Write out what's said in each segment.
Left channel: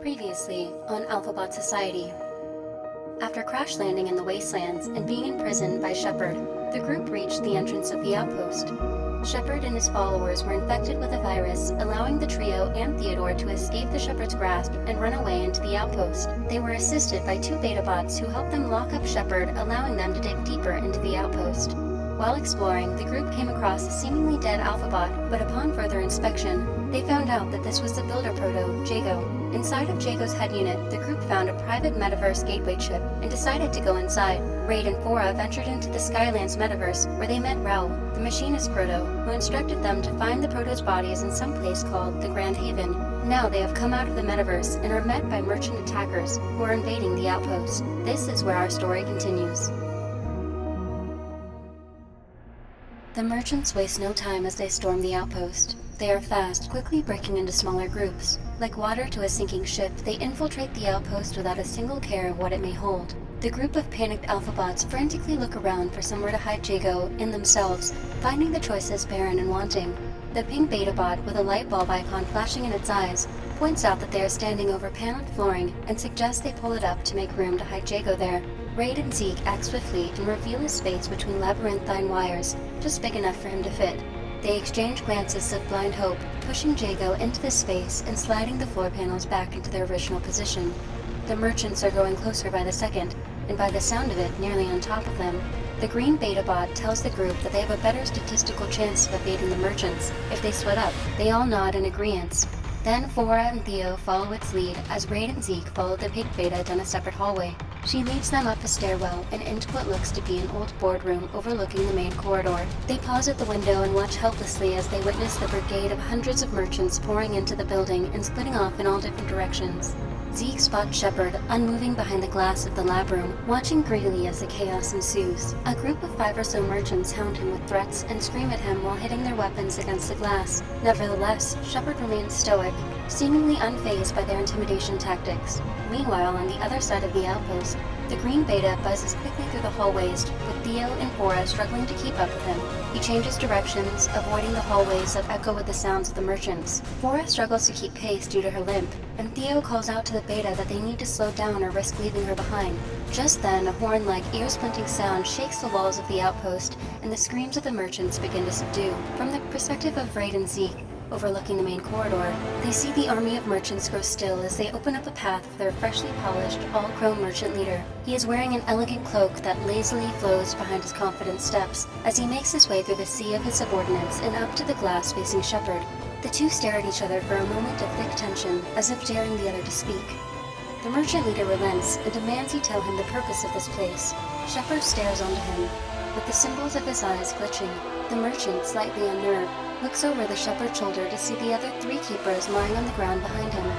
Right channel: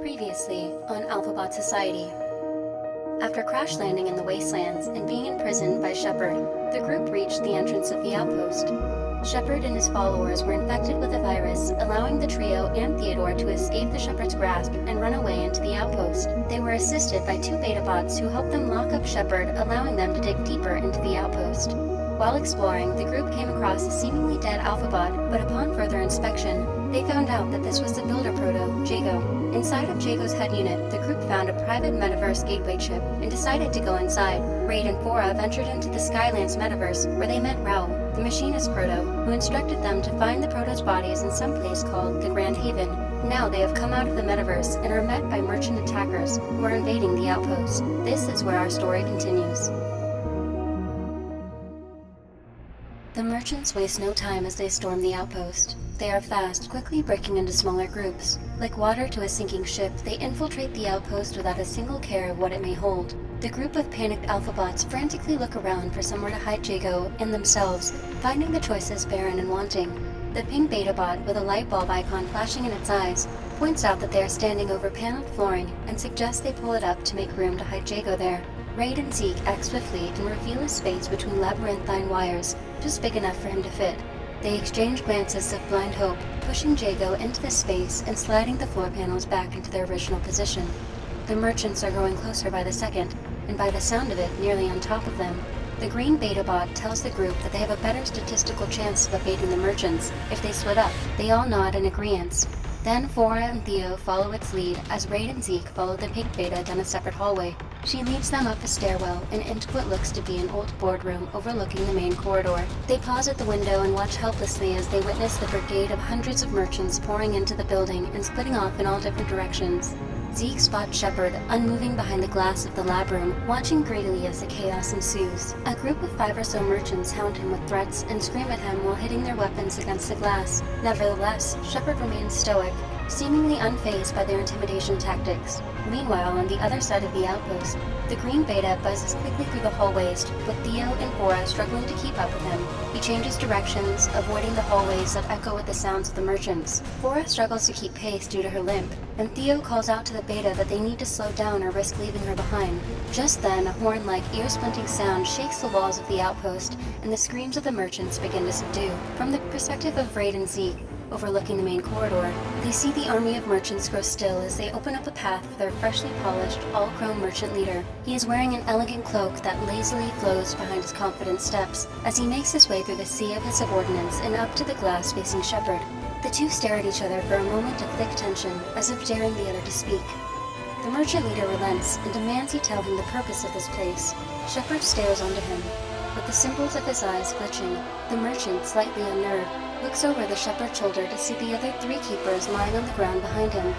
Previously on AlphaBot Society. After crash landing in the wastelands and being imprisoned by Shepard, the group reached the entrance of the outpost. Shepard and his followers were infected with a virus, allowing the trio and Theodore to escape the Shepard's grasp and run away into the outpost. They were assisted by two beta bots who helped them lock up Shepard, allowing them to dig deeper into the outpost. While exploring, the group came across a seemingly dead AlphaBot, but upon further inspection, they found out that this was the builder proto, Jago. Inside of Jago's head unit, the group found a private metaverse gateway chip and decided to go inside. Raid and Fora ventured into the Skylands metaverse, where they met Raoul, the machinist proto, who instructed them to find the proto's bodies in some place called the Grand Haven. Now they have come out of the metaverse and are met by merchant attackers who are invading the outpost. This is where our story continues. The merchants waste no time as they storm the outpost. They are fast, quickly breaking into smaller groups. Like water to a sinking ship, they infiltrate the outpost without a single care of what it may hold. The group of panicked AlphaBots frantically look around for somewhere to hide Jago and themselves, finding the choices barren and wanting. The pink beta bot, with a light bulb icon flashing in its eyes, points out that they are standing over paneled flooring and suggests they pull it up to make room to hide Jago there. Raid and Zeke act swiftly and reveal a space between labyrinthine wires, just big enough for him to fit. They exchange glances of blind hope, pushing Jago into the space and sliding the floor panels back into their original position. The merchants are growing closer by the second, and by the sound of it, nearly on top of them. The green beta bot tells the group that they have a better statistical chance of evading the merchants if they split up. They all nod in agreement. Then Fora and Theo follow its lead as Raid and Zeke follow the pink beta down a separate hallway. She leads them up a stairwell and into what looks to be an old boardroom overlooking the main corridor. They pause at the window and watch helplessly as they witness the brigade of hundreds of merchants pouring into the building and splitting off in all different directions. Zeke spots Shepard, unmoving behind the glass of the lab room, watching greedily as the chaos ensues. A group of 5 or so merchants hound him with threats and scream at him while hitting their weapons against the glass. Nevertheless, Shepard remains stoic, seemingly unfazed by their intimidation tactics. Meanwhile, on the other side of the outpost, the green beta buzzes quickly through the hallways, with Theo and Fora struggling to keep up with him. He changes directions, avoiding the hallways that echo with the sounds of the merchants. Fora struggles to keep pace due to her limp, and Theo calls out to the beta that they need to slow down or risk leaving her behind. Just then, a horn-like, ear-splitting sound shakes the walls of the outpost, and the screams of the merchants begin to subdue. From the perspective of Raid and Zeke, overlooking the main corridor, they see the army of merchants grow still as they open up a path for their freshly polished, all-chrome merchant leader. He is wearing an elegant cloak that lazily flows behind his confident steps as he makes his way through the sea of his subordinates and up to the glass facing Shepard. The two stare at each other for a moment of thick tension, as if daring the other to speak. The merchant leader relents and demands he tell him the purpose of this place. Shepard stares onto him, with the symbols of his eyes glitching. The merchant, slightly unnerved, looks over the Shepard's shoulder to see the other 3 keepers lying on the ground behind him.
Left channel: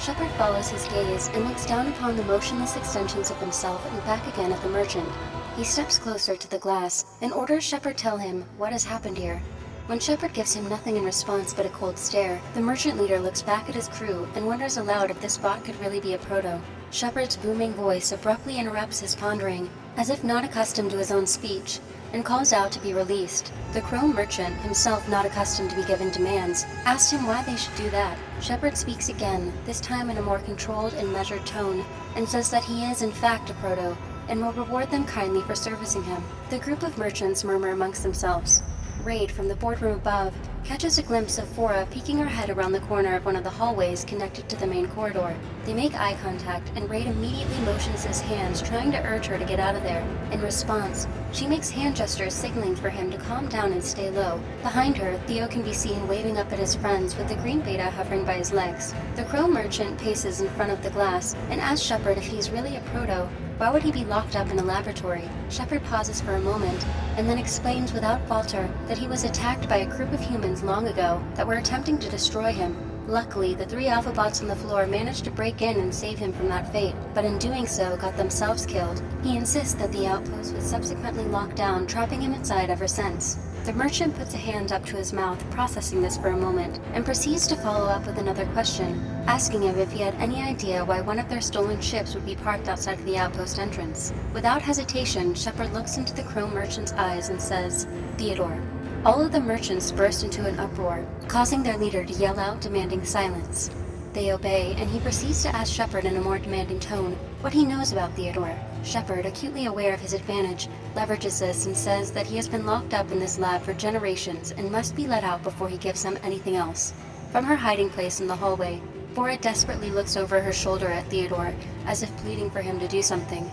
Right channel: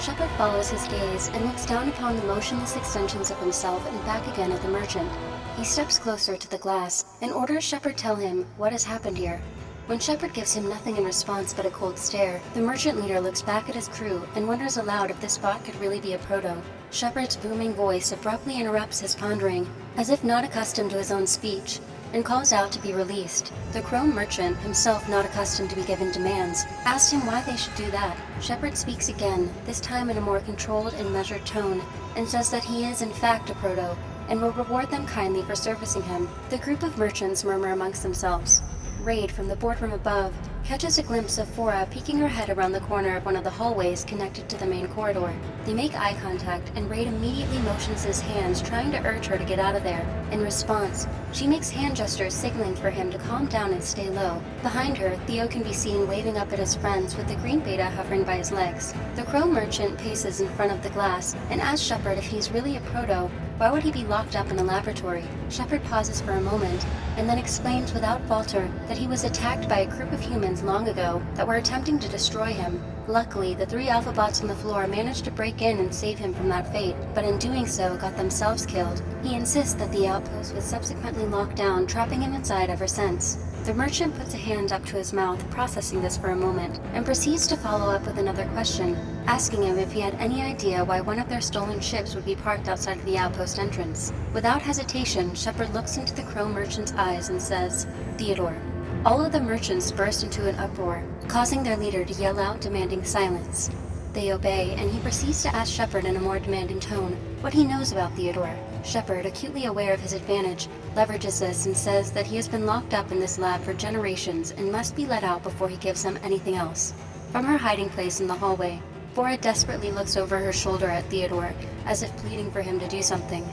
Shepard follows his gaze and looks down upon the motionless extensions of himself and back again at the merchant. He steps closer to the glass and orders Shepard tell him what has happened here. When Shepard gives him nothing in response but a cold stare, the merchant leader looks back at his crew and wonders aloud if this bot could really be a proto. Shepard's booming voice abruptly interrupts his pondering, as if not accustomed to his own speech, and calls out to be released. The chrome merchant, himself not accustomed to be given demands, asked him why they should do that. Shepard speaks again, this time in a more controlled and measured tone, and says that he is in fact a proto, and will reward them kindly for servicing him. The group of merchants murmur amongst themselves. Raid, from the boardroom above, catches a glimpse of Fora peeking her head around the corner of one of the hallways connected to the main corridor. They make eye contact, and Raid immediately motions his hands, trying to urge her to get out of there. In response, she makes hand gestures signaling for him to calm down and stay low. Behind her, Theo can be seen waving up at his friends with the green beta hovering by his legs. The chrome merchant paces in front of the glass and asks Shepard if he's really a proto. Why would he be locked up in a laboratory? Shepard pauses for a moment, and then explains without falter that he was attacked by a group of humans long ago that were attempting to destroy him. Luckily, the 3 AlphaBots on the floor managed to break in and save him from that fate, but in doing so got themselves killed. He insists that the outpost was subsequently locked down, trapping him inside ever since. The merchant puts a hand up to his mouth, processing this for a moment, and proceeds to follow up with another question, asking him if he had any idea why one of their stolen ships would be parked outside of the outpost entrance. Without hesitation, Shepard looks into the chrome merchant's eyes and says, "Theodore." All of the merchants burst into an uproar, causing their leader to yell out, demanding silence. They obey, and he proceeds to ask Shepard in a more demanding tone what he knows about Theodore. Shepard, acutely aware of his advantage, leverages this and says that he has been locked up in this lab for generations and must be let out before he gives them anything else. From her hiding place in the hallway, Fora desperately looks over her shoulder at Theodore, as if pleading for him to do something.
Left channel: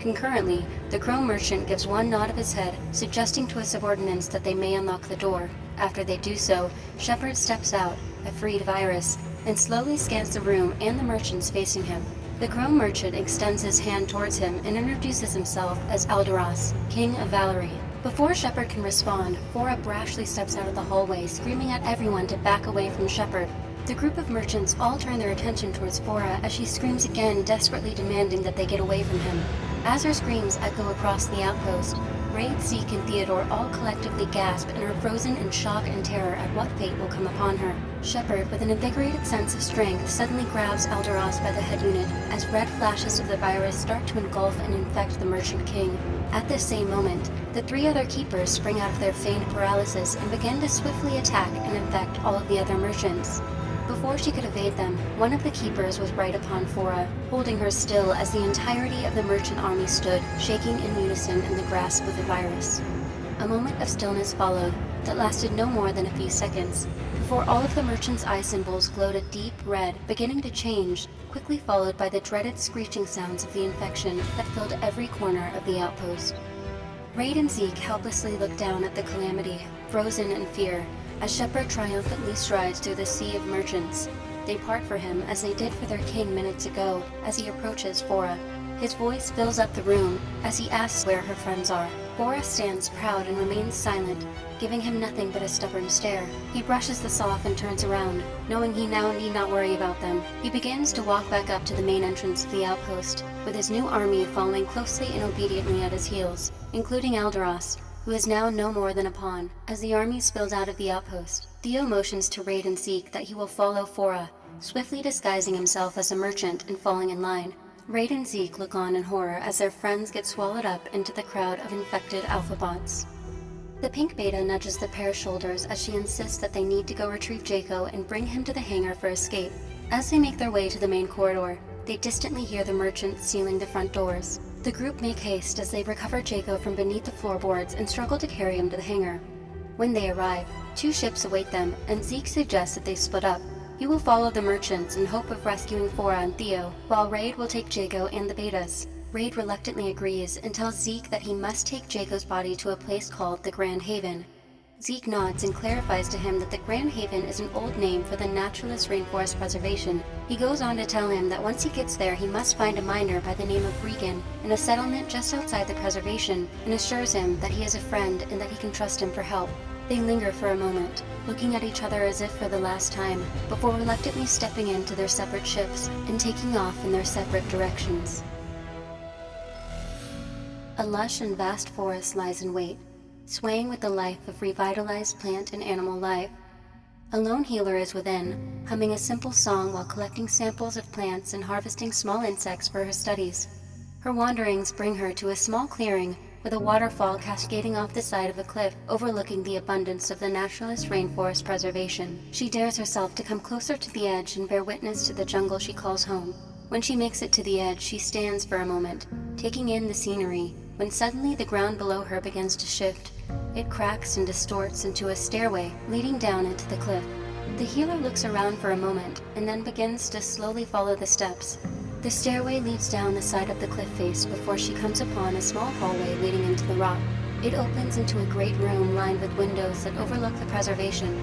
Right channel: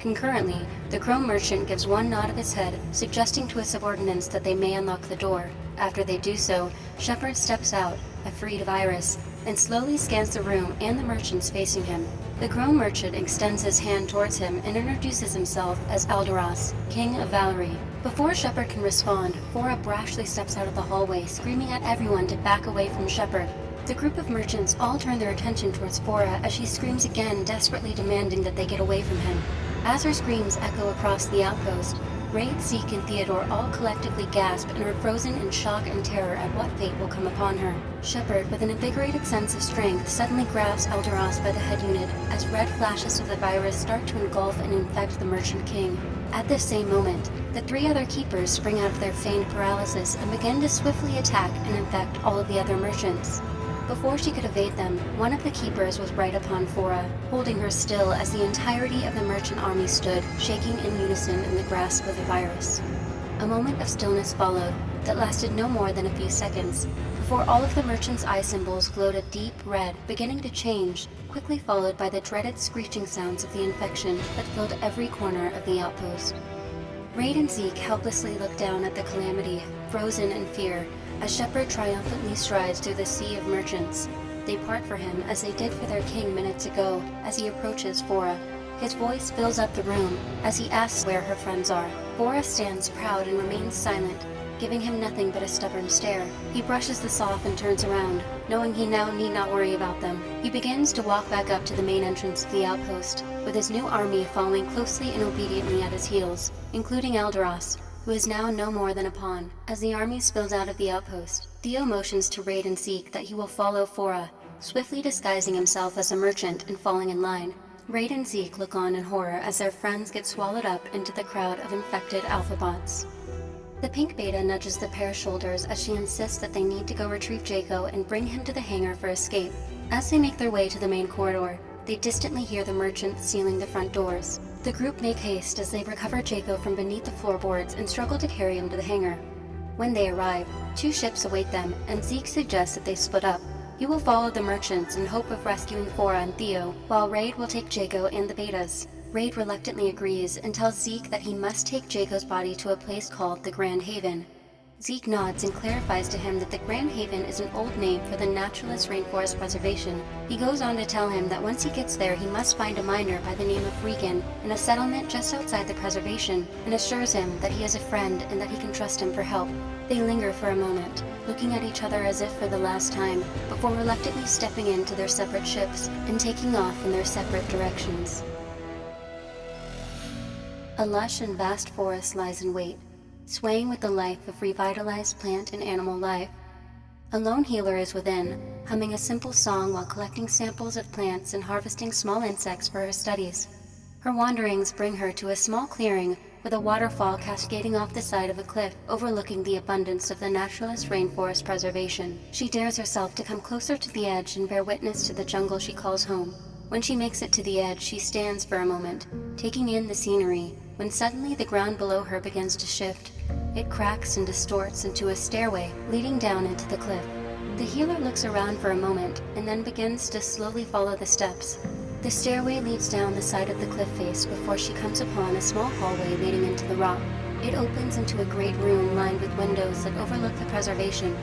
Concurrently, the Chrome merchant gives one nod of his head, suggesting to his subordinates that they may unlock the door. After they do so, Shepard steps out, a freed virus, and slowly scans the room and the merchants facing him. The Chrome merchant extends his hand towards him and introduces himself as Alderas, King of Valerie. Before Shepard can respond, Fora brashly steps out of the hallway, screaming at everyone to back away from Shepard. The group of merchants all turn their attention towards Fora as she screams again, desperately demanding that they get away from him. As her screams echo across the outpost, Raid, Zeke, and Theodore all collectively gasp and are frozen in shock and terror at what fate will come upon her. Shepard, with an invigorated sense of strength, suddenly grabs Alderas by the head unit as red flashes of the virus start to engulf and infect the Merchant King. At this same moment, the three other keepers spring out of their feigned paralysis and begin to swiftly attack and infect all of the other merchants. Before she could evade them, one of the keepers was right upon Fora, holding her still as the entirety of the merchant army stood, shaking in unison in the grasp of the virus. A moment of stillness followed that lasted no more than a few seconds, before all of the merchants' eye symbols glowed a deep red, beginning to change, quickly followed by the dreaded screeching sounds of the infection that filled every corner of the outpost. Raid and Zeke helplessly look down at the calamity, frozen in fear, as Shepard triumphantly strides through the sea of merchants. They part for him as they did for their king minutes ago as he approaches Fora. His voice fills up the room as he asks where her friends are. Fora stands proud and remains silent, giving him nothing but a stubborn stare. He brushes this off and turns around, knowing he now need not worry about them. He begins to walk back up to the main entrance of the outpost, with his new army following closely and obediently at his heels, including Alderas, who is now no more than a pawn. As the army spills out of the outpost, Theo motions to Raid and Zeke that he will follow Fora, swiftly disguising himself as a merchant and falling in line. Raid and Zeke look on in horror as their friends get swallowed up into the crowd of infected AlphaBots. The pink beta nudges the pair's shoulders as she insists that they need to go retrieve Jaco and bring him to the hangar for escape. As they make their way to the main corridor, they distantly hear the merchants sealing the front doors. The group make haste as they recover Jaco from beneath the floorboards and struggle to carry him to the hangar. When they arrive, two ships await them, and Zeke suggests that they split up. He will follow the merchants in hope of rescuing Fora and Theo, while Raid will take Jaco and the betas. Raid reluctantly agrees and tells Zeke that he must take Jaco's body to a place called the Grand Haven. Zeke nods and clarifies to him that the Grand Haven is an old name for the Naturalist Rainforest Preservation. He goes on to tell him that once he gets there, he must find a miner by the name of Regan in a settlement just outside the preservation, and assures him that he is a friend and that he can trust him for help. They linger for a moment, looking at each other as if for the last time, before reluctantly stepping into their separate ships and taking off in their separate directions. A lush and vast forest lies in wait, swaying with the life of revitalized plant and animal life. A lone healer is within, humming a simple song while collecting samples of plants and harvesting small insects for her studies. Her wanderings bring her to a small clearing with a waterfall cascading off the side of a cliff overlooking the abundance of the Naturalist Rainforest Preservation. She dares herself to come closer to the edge and bear witness to the jungle she calls home. When she makes it to the edge, she stands for a moment, taking in the scenery, when suddenly the ground below her begins to shift. It cracks and distorts into a stairway leading down into the cliff. The healer looks around for a moment and then begins to slowly follow the steps. The stairway leads down the side of the cliff face before she comes upon a small hallway leading into the rock. It opens into a great room lined with windows that overlook the preservation.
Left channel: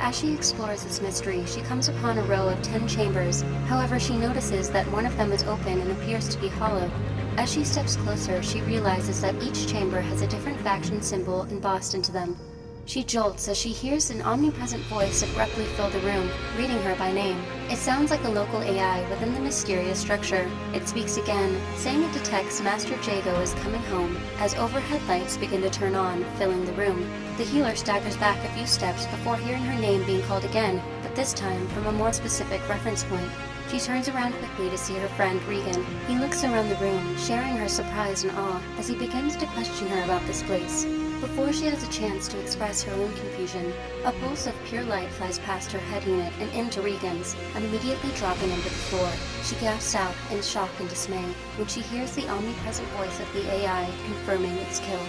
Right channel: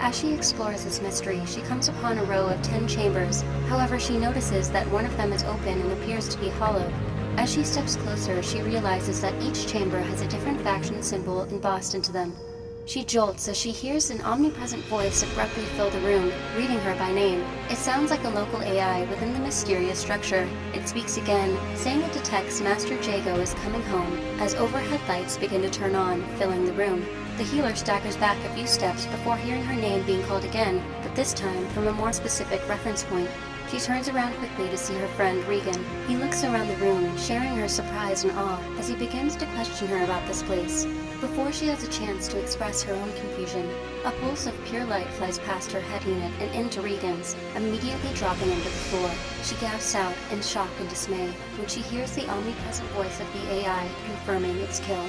As she explores this mystery, she comes upon a row of 10 chambers. However, she notices that one of them is open and appears to be hollow. As she steps closer, she realizes that each chamber has a different faction symbol embossed into them. She jolts as she hears an omnipresent voice abruptly fill the room, reading her by name. It sounds like a local AI within the mysterious structure. It speaks again, saying it detects Master Jago is coming home, as overhead lights begin to turn on, filling the room. The healer staggers back a few steps before hearing her name being called again, but this time from a more specific reference point. She turns around quickly to see her friend, Regan. He looks around the room, sharing her surprise and awe as he begins to question her about this place. Before she has a chance to express her own confusion, a pulse of pure light flies past her head unit and into Regan's, immediately dropping him to the floor. She gasps out in shock and dismay when she hears the omnipresent voice of the AI confirming its kill.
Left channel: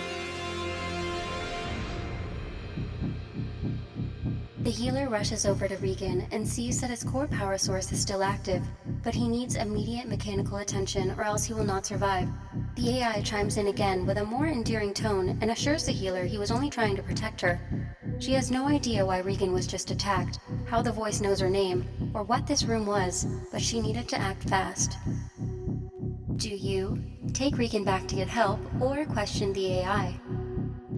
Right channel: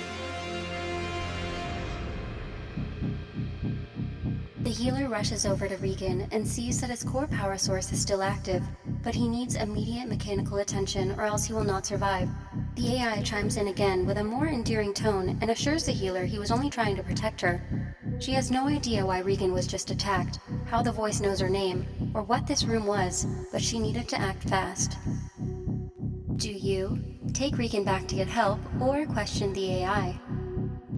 The healer rushes over to Regan and sees that his core power source is still active, but he needs immediate mechanical attention or else he will not survive. The AI chimes in again with a more endearing tone and assures the healer he was only trying to protect her. She has no idea why Regan was just attacked, how the voice knows her name, or what this room was, but she needed to act fast. Do you take Regan back to get help or question the AI?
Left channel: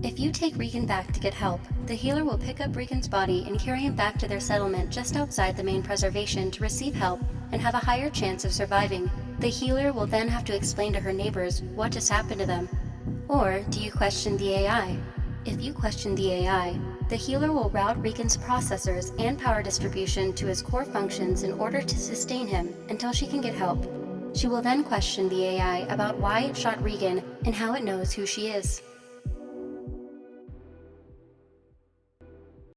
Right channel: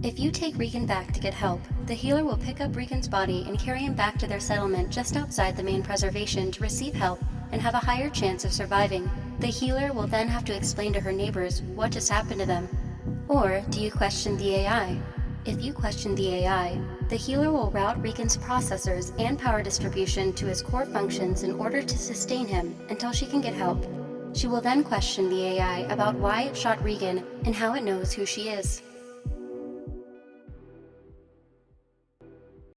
If you take Regan back to get help, the healer will pick up Regan's body and carry him back to their settlement just outside the main preservation to receive help and have a higher chance of surviving. The healer will then have to explain to her neighbors what just happened to them. Or do you question the AI? If you question the AI, the healer will route Regan's processors and power distribution to his core functions in order to sustain him until she can get help. She will then question the AI about why it shot Regan and how it knows who she is.